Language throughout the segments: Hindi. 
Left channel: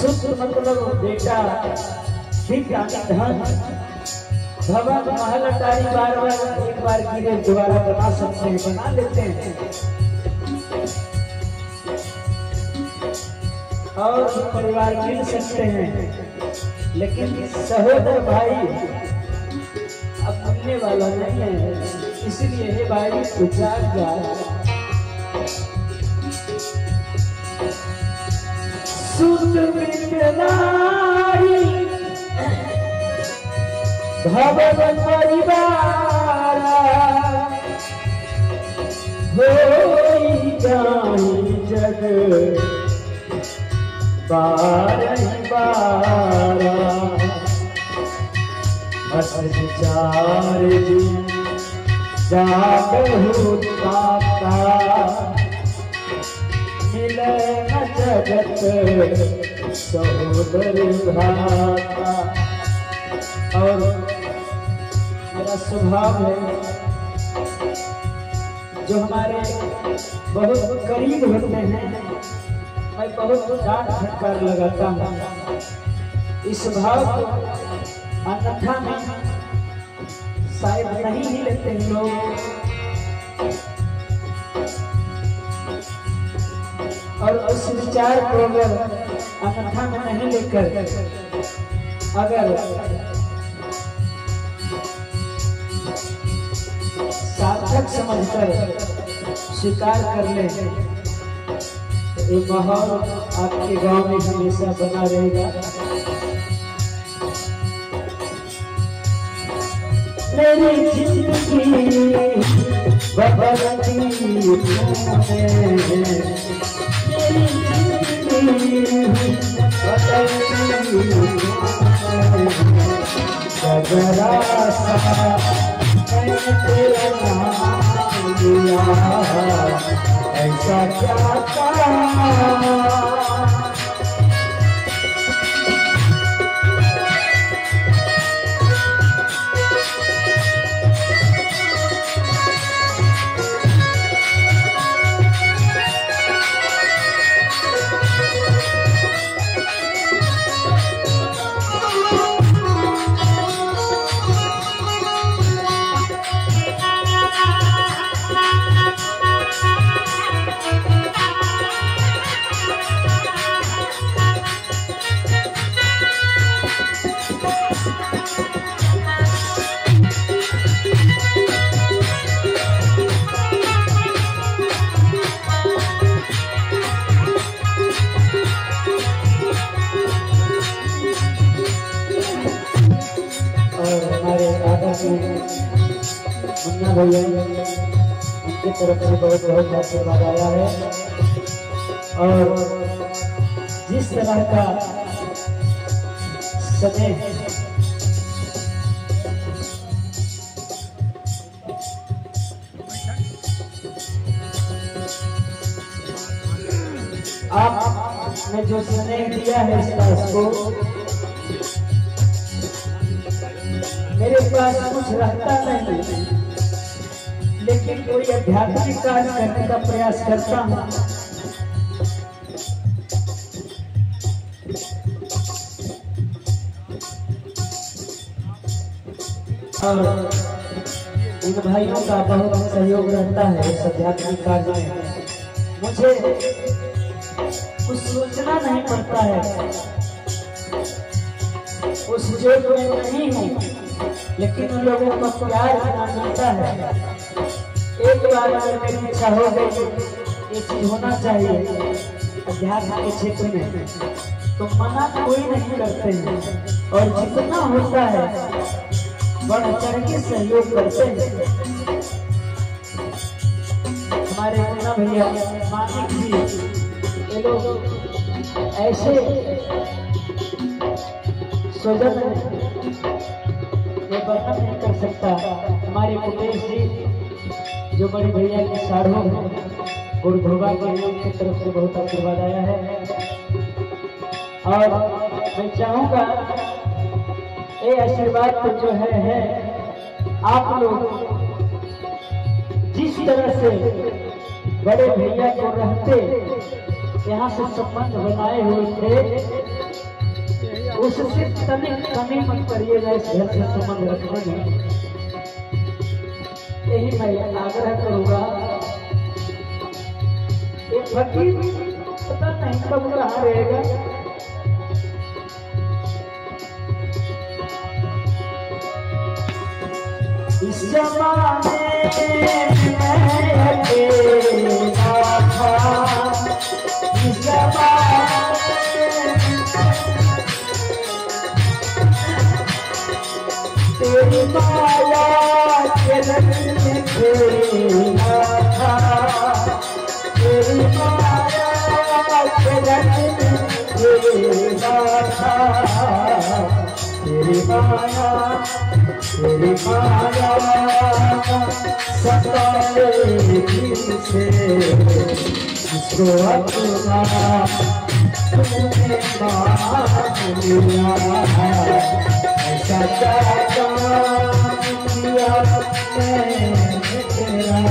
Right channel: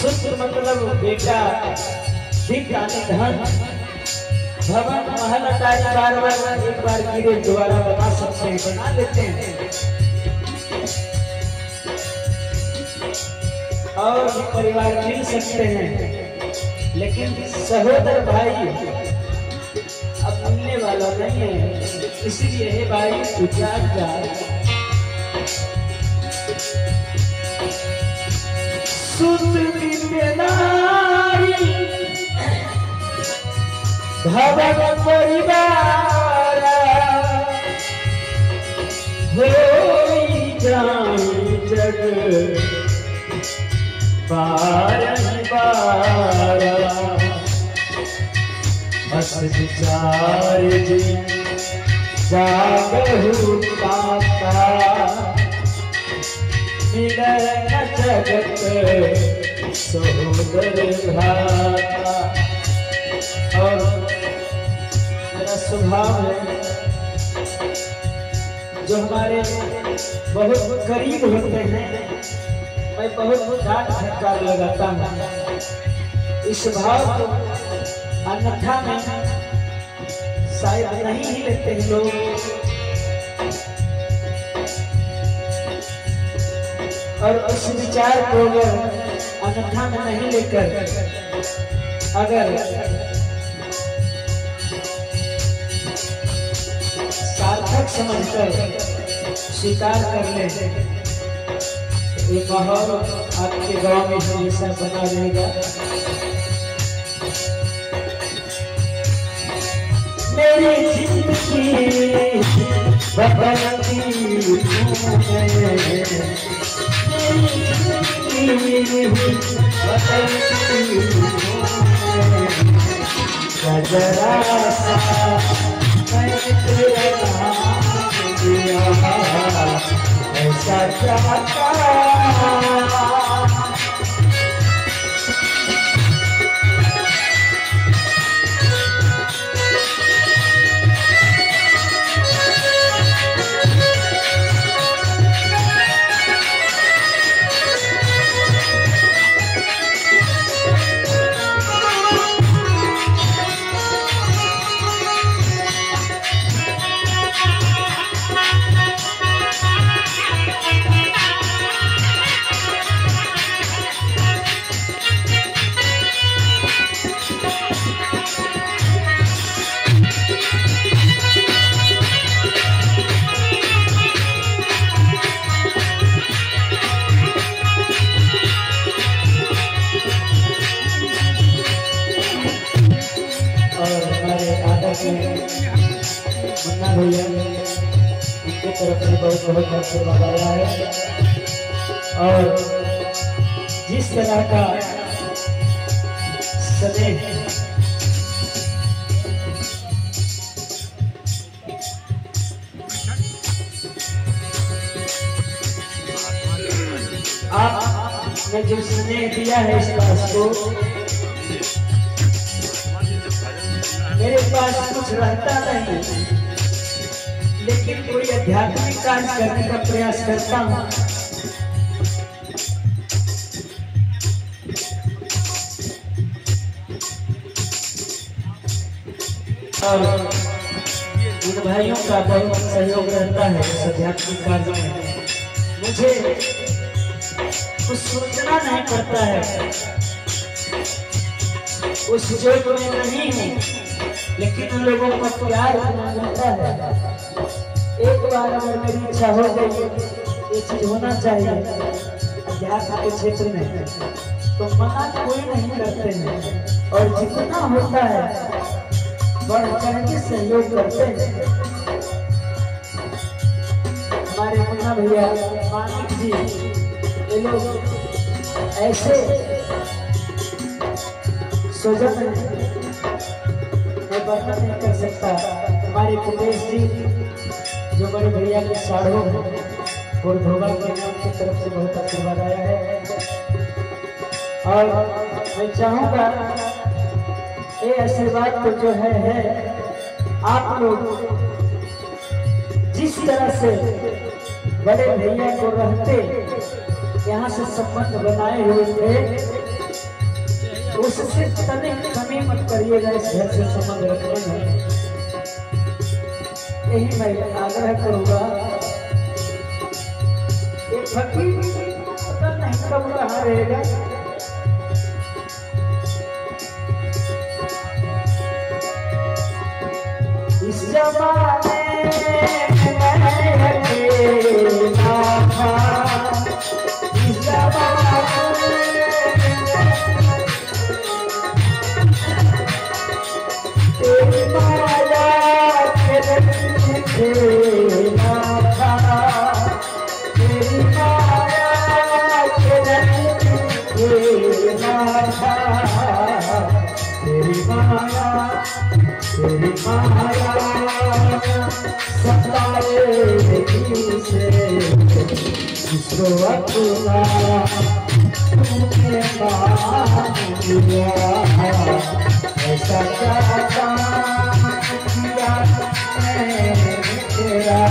सुख मतलब बेटा दिव्य धन भवन महल अटारी बार बार एक बार गिरे दोबारा बना सकते हैं, बना लेते हैं और परिवार मिल सकते हैं, लेकिन सहोदर भाई अब मिलने वाला नहीं है। इसलिए हे भाई उचार जा सुत नारी भवन परिवार होई जाए जग बारंबार बस विचार जी जागहु पाता मिले न जगत सहोदर भाता। और मेरा स्वभाव है जो हमारे बहुत करीब होते हैं मैं बहुत डांट फटकार लगाता हूँ। इस भाव को अन्यथा में शायद नहीं ही लेते हैं लोग, और उस विचार को अन्यथा में नहीं लेकर अगर सार्थक समझकर स्वीकार कर ले ये माहौल आपके गांव में हमेशा बना रहेगा। मेरी जिंदगी बदलती मेरी जिंदगी बदलती जरा सा मैंने तेरे नाम लिया ऐसा चाहता मुन्ना भैया उनकी तरफ से बहुत बहुत आशीर्वाद आया है। और जिस तरह का स्नेह आपने जो स्नेह दिया है इस दास को, मेरे पास कुछ रहता नहीं लेकिन कोई आध्यात्मिक कार्य करने का प्रयास करता हूँ। और इन भाइयों का बहुत सहयोग रहता है इस आध्यात्मिक कार्य में। मुझे कुछ सोचना नहीं पड़ता है, उस जोग में नहीं हूँ, लेकिन उन लोगों का प्यार इतना मिलता है। एक बार अगर मेरी इच्छा हो गई ये चीज होना चाहिए अध्यात्म के क्षेत्र में, तो मना कोई नहीं करते हैं और जितना होता है बढ़ चढ़ के सहयोग करते हैं। हमारे मुन्ना भैया मानिक जी ये लोग ऐसे सोचते हैं मैं वर्णन नहीं कर सकता। हमारे कुटेश जी जो बड़े भैया के साढ़ू हैं, गुरुधोबा के नाम की तरफ से बहुत आशीर्वाद आया है। और मैं चाहूँगा ये आशीर्वाद तो जो है आप लोग जिस तरह से बड़े भैया को रहते यहाँ से संबंध बनाए हुए थे उससे तनिक कमी मत करिएगा इस घर से संबंध रखने में। यही मैं आग्रह करूंगा। एक फकीर पता नहीं कब कहाँ रहेगा, इस जमाने में मैं अकेला था, इस जमाने तेरी माया के रंग खेला था, तेरी माया के रंग खेला था, तेरी माया सताएगी से जिसको अपना तूने मान लिया, ऐसा क्या किया मैंने तेरा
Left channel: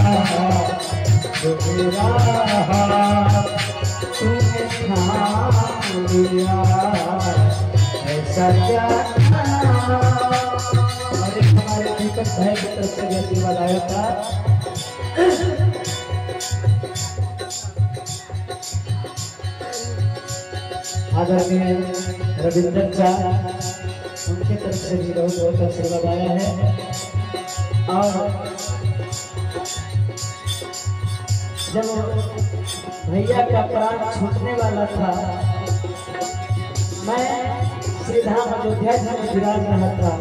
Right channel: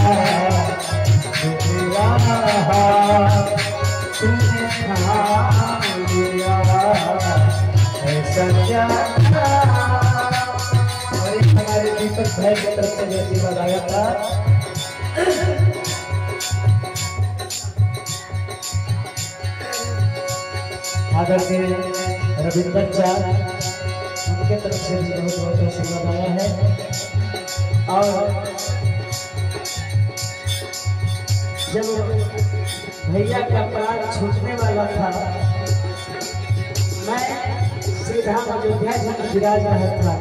जो तेरा तूने मान लिया, ऐसा क्या भाई की तरफ से जैसे बताया था। आदरणीय रविंदर चा उनके तरफ से भी बहुत बहुत आशीर्वाद आया है। और जब भैया का प्राण छूटने वाला था, मैं श्री धाम अयोध्या जी में विराज रहा था,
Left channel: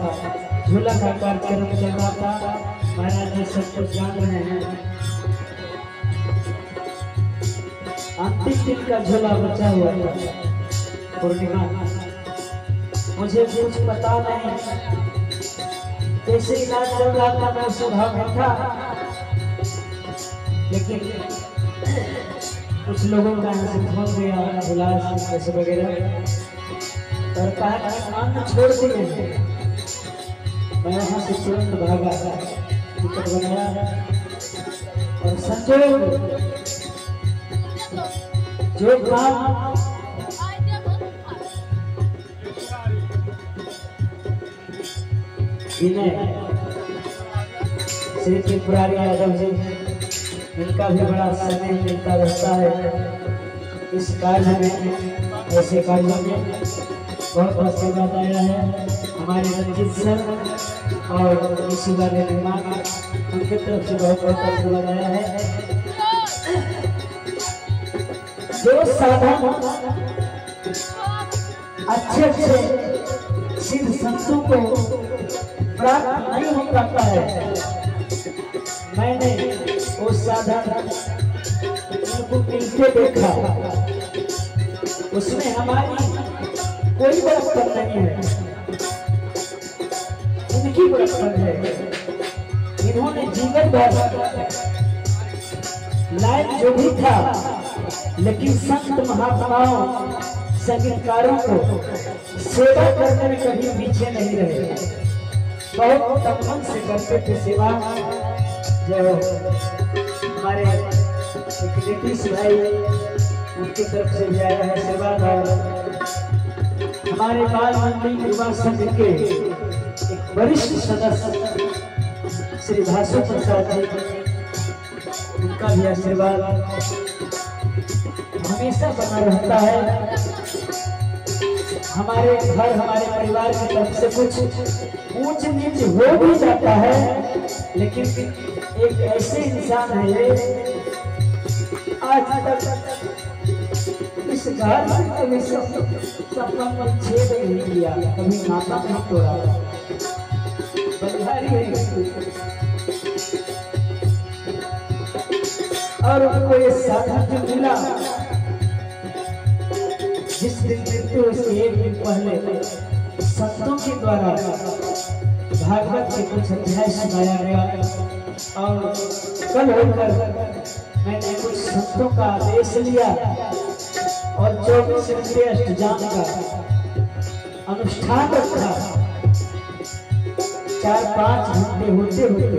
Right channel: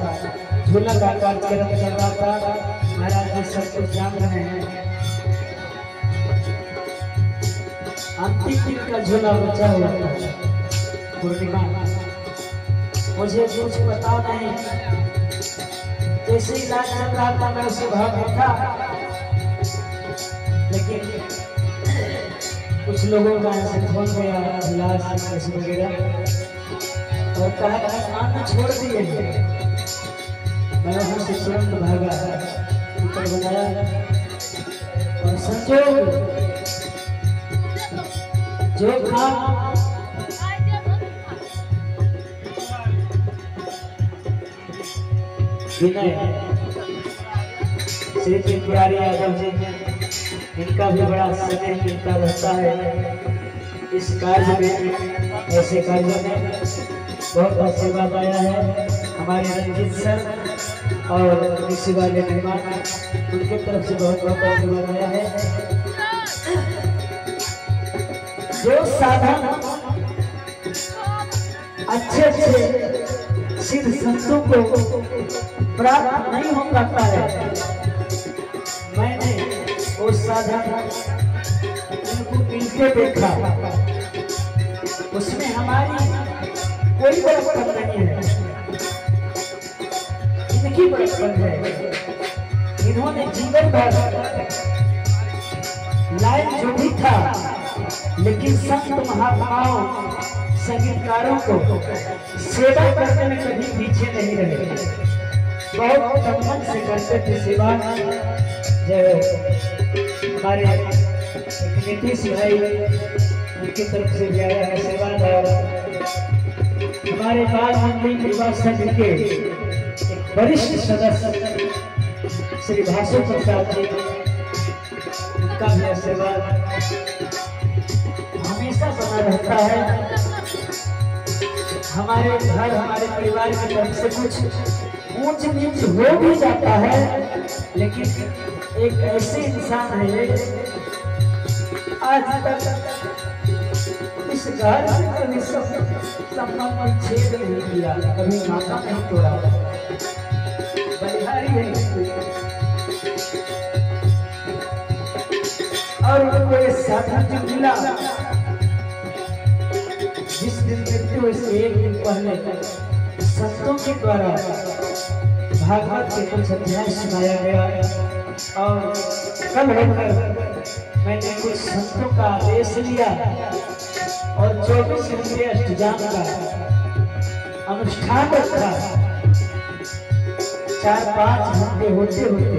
झूला का कार्यक्रम चल रहा था, महाराज जी सब कुछ जान रहे हैं। अंतिम दिन का झूला बचा हुआ था, पूर्णिमा। मुझे कुछ पता नहीं, कैसे इलाज चल रहा था, मैं उसी भाव में था। लेकिन कुछ लोगों का यहाँ से फोन गया, इलाज कैसे वगैरह, और कहा काम छोड़ दिए। मैं वहां से तुरंत भागा, टिकट बनाया और संजोग जो काम विनय श्री त्रिपुरारी यादव जी, इनका भी बड़ा स्नेह मिलता रहता है इस कार्य में, ऐसे कार्यों में बहुत बहुत आशीर्वाद आया है। हमारे रंजीत सर और इसी वाले मेहमान, उनकी तरफ से बहुत बहुत आशीर्वाद आया है। जो साधन अच्छे अच्छे सिद्ध संतों को प्राप्त नहीं हो पाता है, मैंने वो साधन उनको मिलते देखा, उसमें हमारी कोई बरकत नहीं है, इनकी बरकत है। इन्होंने जीवन भर लायक जो भी था, लेकिन संत महात्माओं संगीतकारों को सेवा करने में कभी पीछे नहीं रहे, बहुत सम्मान से करते थे सेवा। जो हमारे नीतीश भाई, उनकी तरफ से भी आया है आशीर्वाद, और हमारे बाल मंडली युवा संघ के एक वरिष्ठ सदस्य श्री भासु प्रसाद जी, उनका भी आशीर्वाद हमेशा बना रहता है। हमारे घर, हमारे परिवार की तरफ से कुछ ऊंच नीच हो भी जाता है, लेकिन एक ऐसे इंसान है आज तक इस घर से कभी सपना में छेद नहीं किया, कभी नाता नहीं तोड़ा, बलिहारी है। और उनको ये साधन मिला, जिस दिन मृत्यु से एक दिन पहले संतों के द्वारा भागवत के कुछ अध्याय सुनाया गया, और कल होकर मैंने कुछ संतों का आदेश लिया और 24 रुपये अष्टजाम का अनुष्ठान रखा। 4-5 घंटे होते होते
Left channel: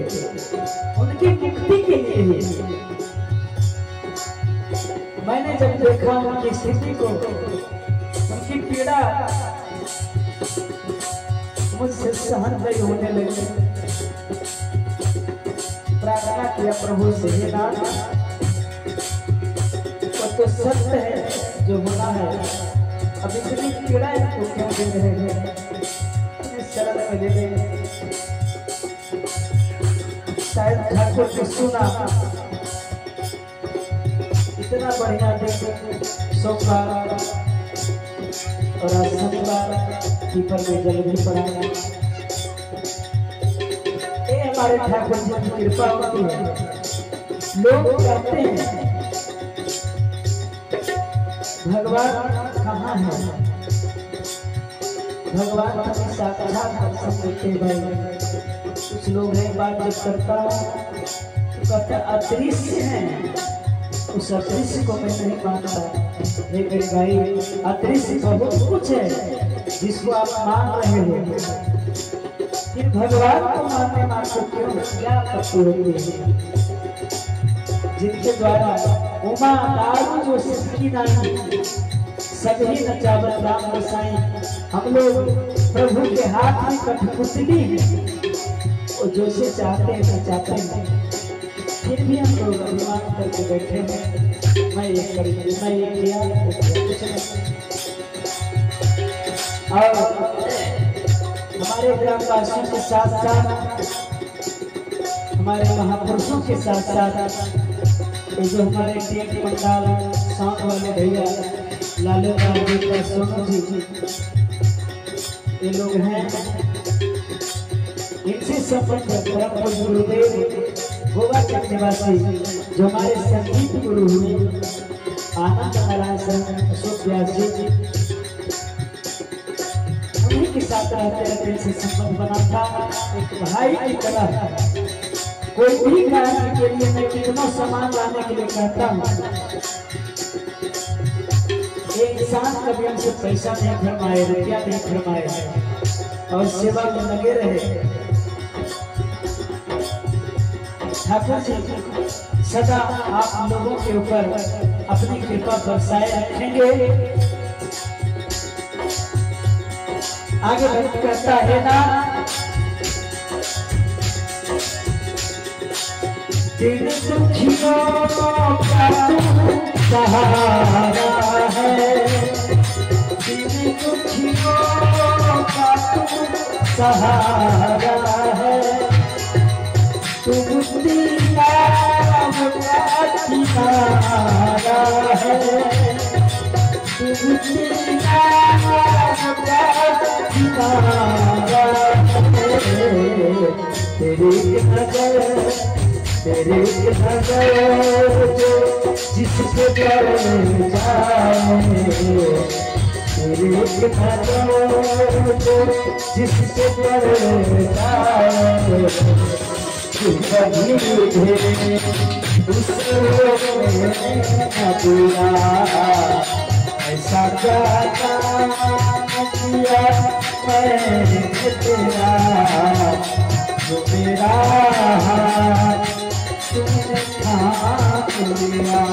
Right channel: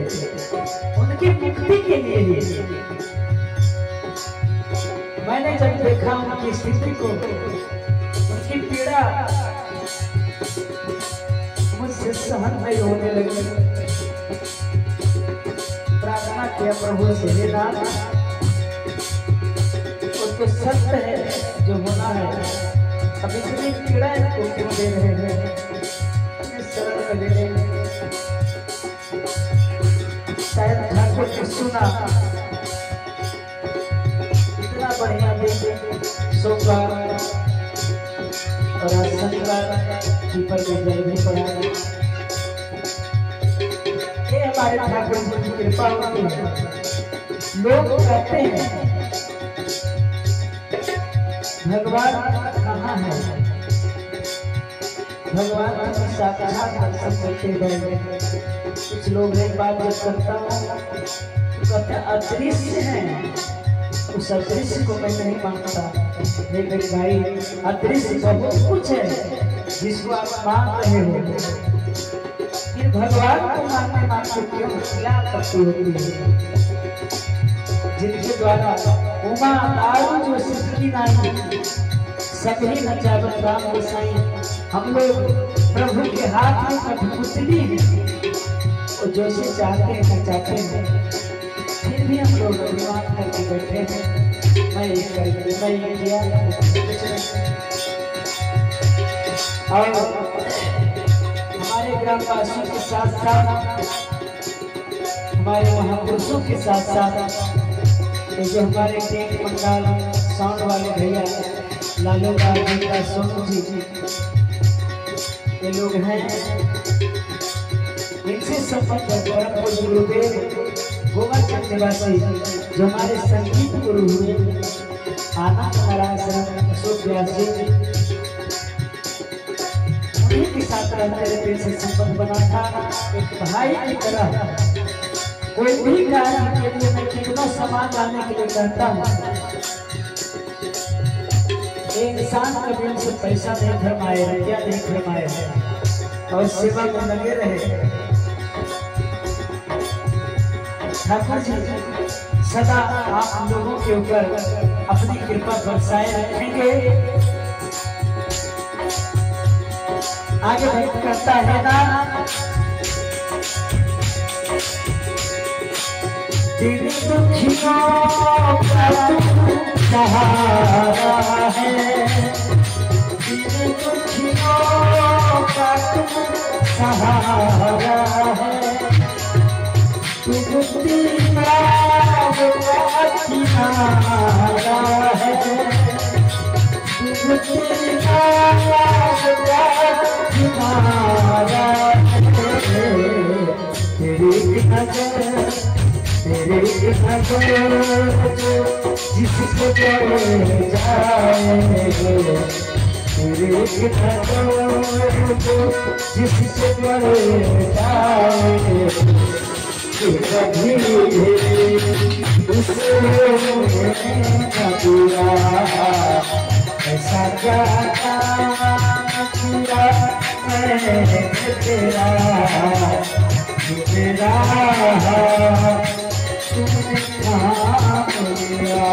उनकी मुक्ति के लिए मैंने जब देखा उनकी स्थिति को, उनकी पीड़ा प्रभु से ये नाम तो सत्य है जो होना है। अब इतनी पीड़ा को क्यों दे रहे हैं? इस शरण में दे दे। शायद ठाकुर ने सुना इतना बढ़िया देखे सोमवार और शनिवार पीपल में जल भी पड़ा। ये हमारे ठाकुर जी की कृपा होती है। लोग कहते हैं भगवान कहाँ है? भगवान की साक्षात दर्शन करते हैं। कुछ लोग एक बात जब करता हूँ कहते अदृश्य है, उस अदृश्य को मैं नहीं मानता। लेकिन भाई अदृश्य बहुत कुछ है जिसको आप मान रहे हो, फिर भगवान को मानने में आपको क्यों क्या आपत्ति होती है? जिनके द्वारा उमा दारू जो सिद्धि नानी सभी नचावत राम गोसाई, हम लोग प्रभु के हाथ में कठपुतली तो जो से चाहते हैं नचाते हैं। फिर भी हम लोग अभिमान करके बैठे हैं, मैं ये करूँगी, मैं ये किया। और हमारे ग्रामवासियों के साथ साथ हमारे महापुरुषों के साथ साथ ये जो हमारे टेक मंडाल साउंड वाले भैया लालू जी का सोनू जी ये लोग हैं, इनसे संबंध परम गुरुदेव गोवा के निवासी जो हमारे संगीत गुरु हुए आनंद नारायण शरण अशोक व्यास जी, उन्हीं के साथ रहते रहते से संबंध बना था। एक भाई की तरह कोई भी कार्य के लिए मैं कितना सामान लाने के लिए कहता हूँ। एक इंसान कभी हमसे पैसा नहीं फरमाए, रुपया नहीं फरमाए और सेवा में लगे रहे। ठाकुर जी सदा आप लोगों के ऊपर अपनी कृपा बरसाए रखेंगे। आगे भक्त कहता है ना, दिन दुखियों का तू सहारा है, दिन दुखियों का तू सहारा है, तू मुक्ति का किनारा है, तू मुक्ति का किनारा है। तेरी नजर जो जिसके पर जाए, तेरी नजर जो जिसके पर जाए, कभी दूसरे दिया ऐसा क्या किया मैंने तेरा, तेरा तुमने थाम लिया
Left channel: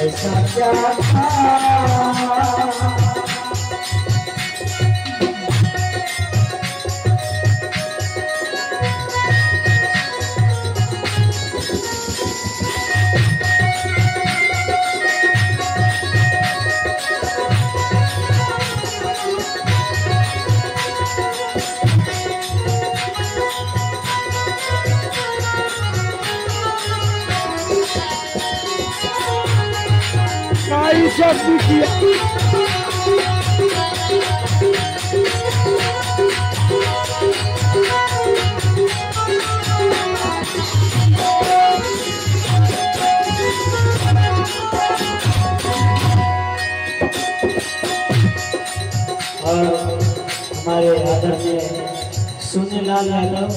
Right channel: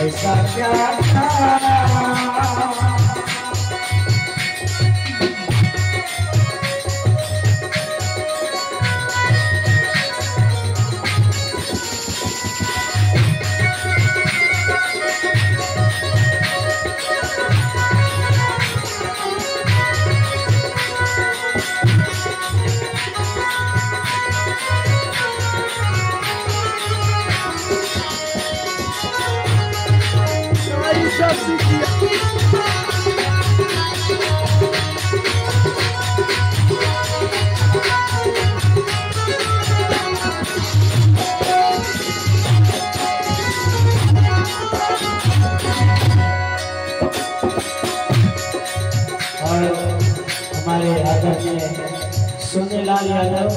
ऐसा क्या था। हमारे आदरणीय सोनेलाल यादव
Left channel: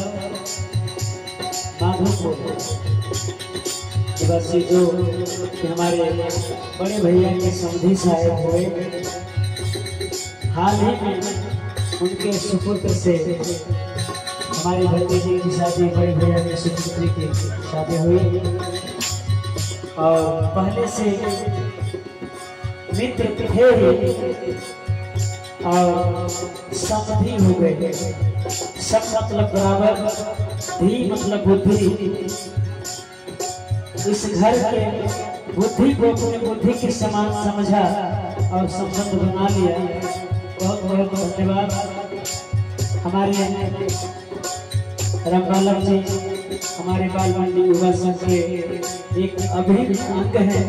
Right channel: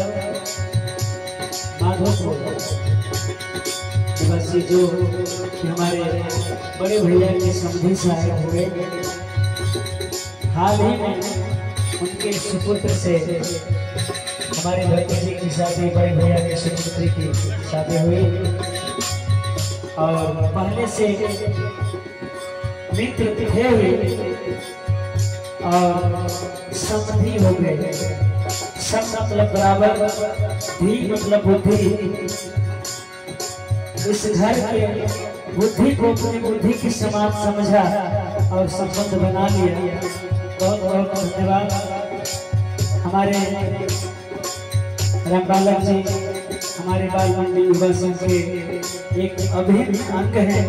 माधोपुर निवासी जो हमारे बड़े भैया के समधी साहब हुए, हाल ही में उनके सुपुत्र से हमारे भतीजे की शादी, बड़े भैया के सुपुत्री की शादी हुई और पहले से मित्र थे और समधी हो गए। सम मतलब बराबर, धी मतलब बुद्धि, इस घर के बुद्धि को अपनी बुद्धि के समान समझा और संबंध बना लिया। बहुत बहुत धन्यवाद। हमारे रामबालक जी हमारे बाल मंडी युवा संघ के एक अभिन्न अंग है,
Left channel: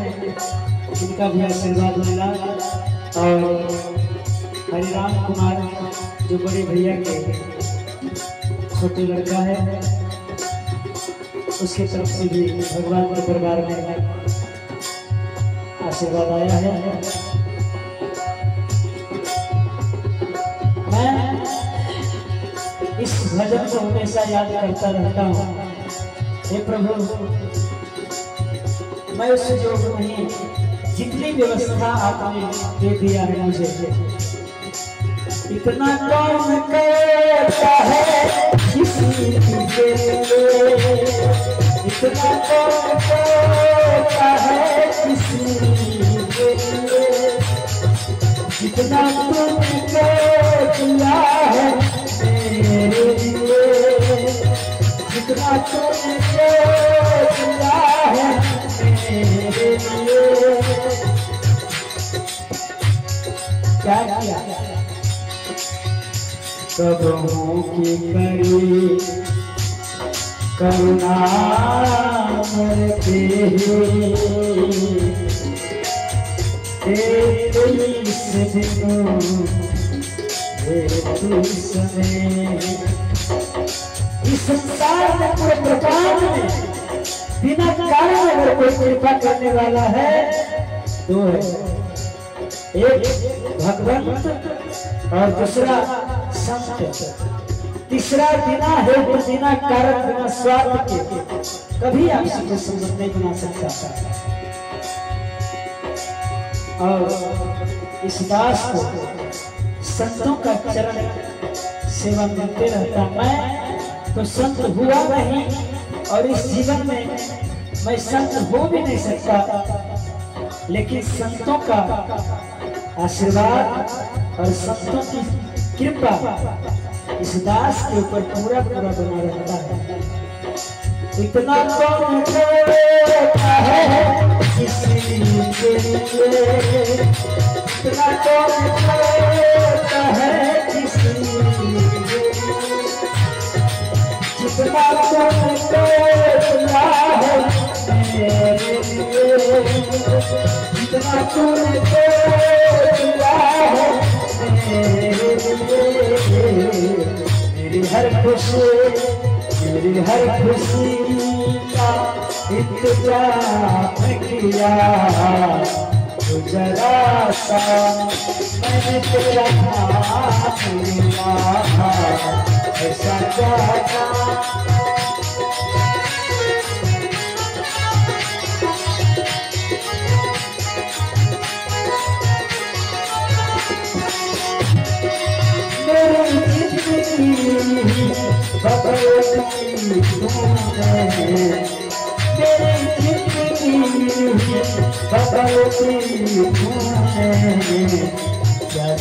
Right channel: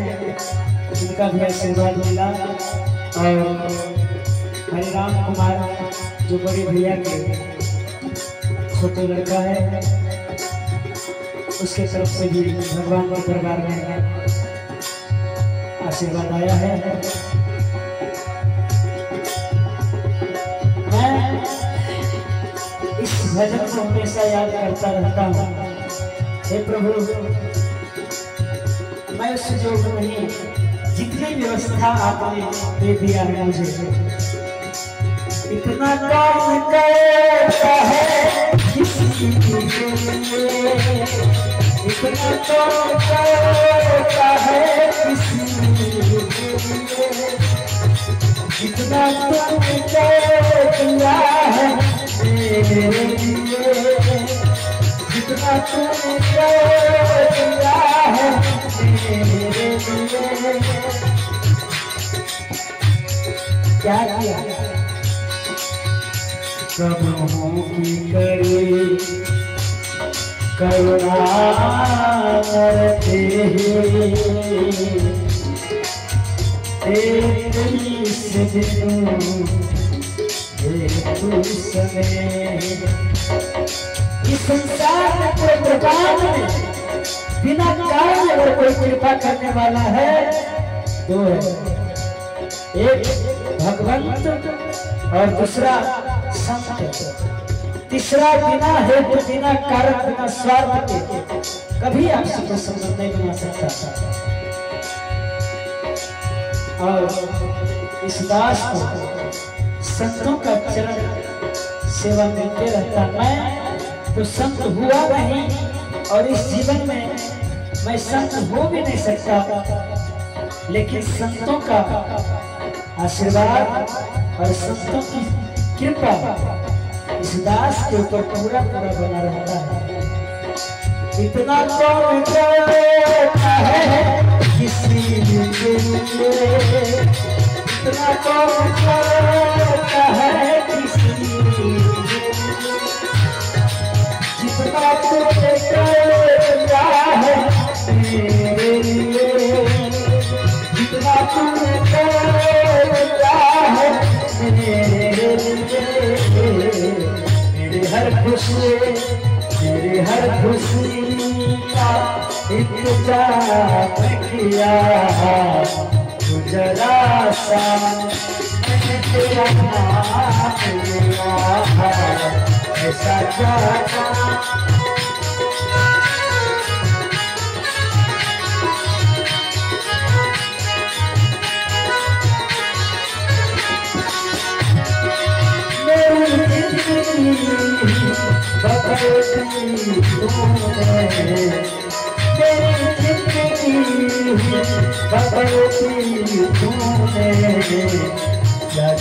इनका भी आशीर्वाद मिला। और हरिराम कुमार जो बड़े भैया के छोटे लड़का है, उसके तरफ से भी भगवान के दरबार में आशीर्वाद आया है। मैं इस भजन को हमेशा याद करता रहता हूँ। हे प्रभु, मैं उस योग नहीं, जितनी व्यवस्था आपने दे दिया है मुझे, इतना काम करता है किसी के लिए, इतना काम करता है किसी के लिए, जितना तुमने किया है मेरे लिए, जितना तुमने किया है मेरे लिए। क्या किया? प्रभु की करी करुणा करते इस संसार में कोई प्रकार में बिना कारण अगर कोई कृपा करने वाला है दो है, एक भगवंत और दूसरा संत। तीसरा बिना हेतु बिना कारण बिना स्वार्थ के कभी आपसे कोई संबंध नहीं बना सकता। और इस दास को संतों का चरण सेवा मिलते रहता। मैं तो संत हुआ नहीं और इस जीवन में मैं संत हो भी नहीं सकता, लेकिन संतों का आशीर्वाद और संतों की कृपा इस दास के ऊपर पूरा पूरा बना रहता है। इतना कौन करता है किसी के लिए, इतना कौन करता है किसी के लिए, जितना तूने किया है मेरे लिए, जितना तूने किया है मेरे लिए। मेरी हर खुशी का इंतजार किया, तो जरा सा मैंने तेरा नाम लिया था, ऐसा जाना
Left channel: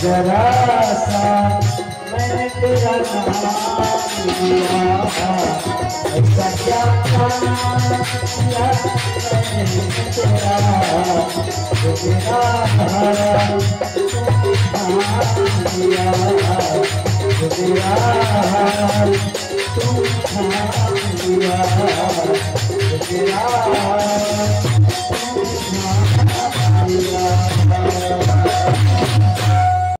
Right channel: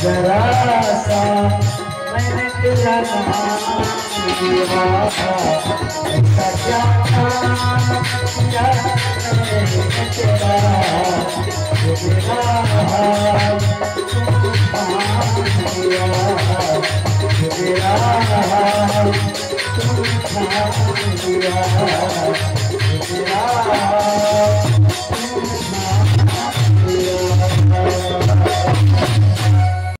जरा सा मैंने तेरा नाम लिया था, ऐसा जाना किया मैंने तेरा, तेरा लिया तेरा तू लिया तेरा